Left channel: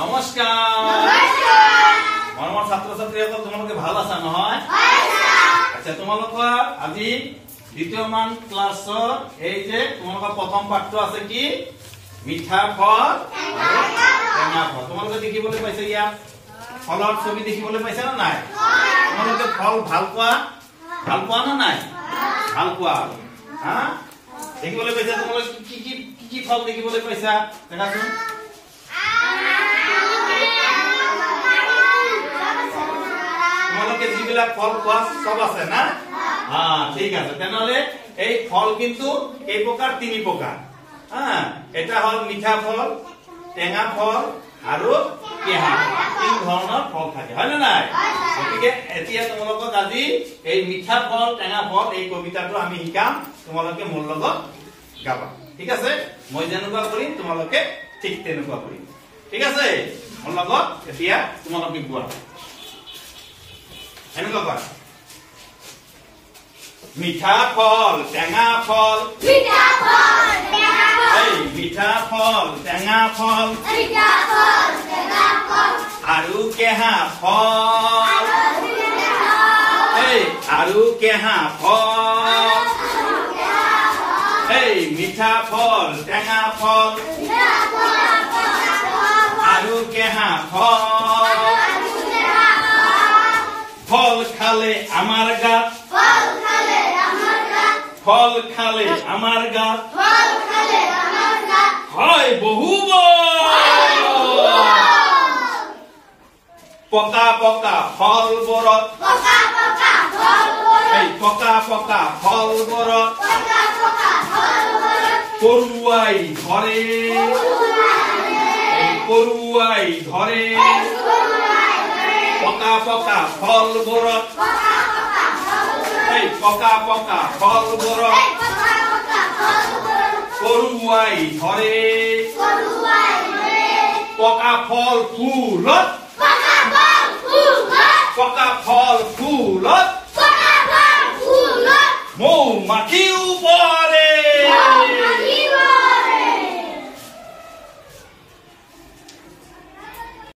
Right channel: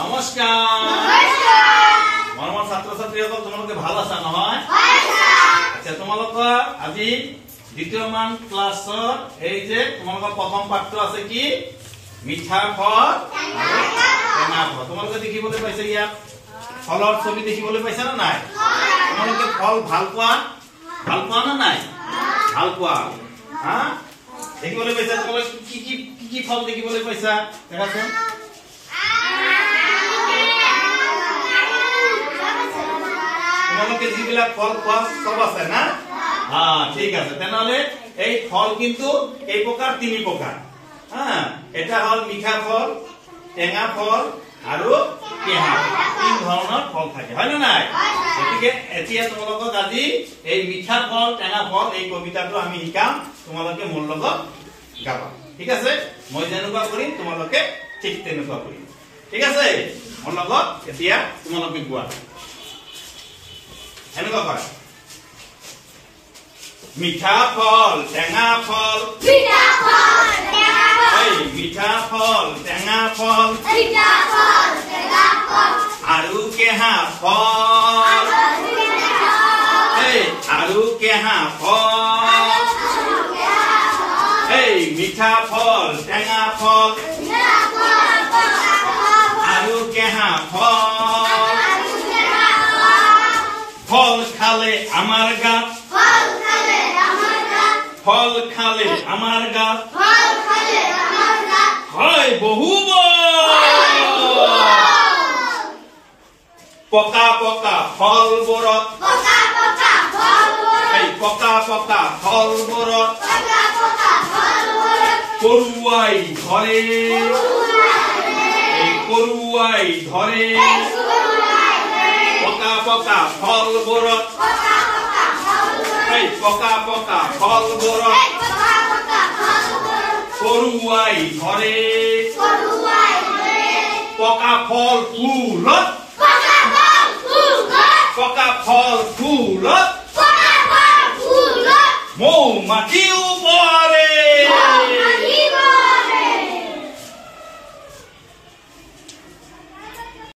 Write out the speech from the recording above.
নমস্কাৰ মৰমৰ ছাত্ৰ ছাত্ৰীসকল তোমালোকে ভাল আছা নহয় আচ্ছা তোমালোকৰ আজি দ্বিতীয় মান ক্লাছৰ এই যে তোমালোকৰ প্ৰথম পাঠটো আছে কি মিঠা ফল টেঙা ফল তোমালোকে দেখিবলৈ পাইছে ইয়াত ফলৰ ছবি দেখিবলৈ পাইছে না নাই তোমালোকে ফল ভাল পোৱা না নাই ভাল পোৱা হা দেখিবলৈ পাইছা তোমালোকে কি ফল দেখিবলৈ পাইছা দেখাচোন তোমালোকে যিবিলাক ফল খোৱা সব আছে না হ্যাঁ ঠিক আছে তেনেহলে এই ফল কিন্তু এই প্রকার তিনি প্রকার হ্যাঁ এটা হল মিঠা ফল টেঙা ফল আৰু কেহা তিন ধৰণৰ ফল থাকে হয় না নাই গতিকে এতিয়া তোমালোকক আজি এই মিঠা ফল টেঙা ফল এই কবিতাটো আমি শিকাম তোমালোকে মোৰ লগত গাবা ঠিক আছে মই যেনেকুৱা কৰিম তোমালোকে ঠিক তেনেকুৱা কৰিম ঠিক আছে মোৰ লগত এতিয়া তোমালোকে গোৱা এনেকুৱা কৰা মিঠা ফল টেঙা ফল এই মিঠা ফল টেঙা ফল আৰু কেহা ফল এই আৰু কেহা ফল এই মিঠা ফল টেঙা ফল আৰু কেহা ফল ফল খালে আমাৰ গাত ফল খালে আমাৰ গাত হয় বহু পকা পকা ফলবোৰত এই পকা পকা ফলবোৰত পৰুৱাই ধৰে এই পৰুৱাই ধৰে পকা পকা ফলবোৰত এই পকা পকা ফলবোৰত পৰুৱাই ধৰে পকা ফল ফুলত পকা ফল ফুলত মৌ মাখিও পৰে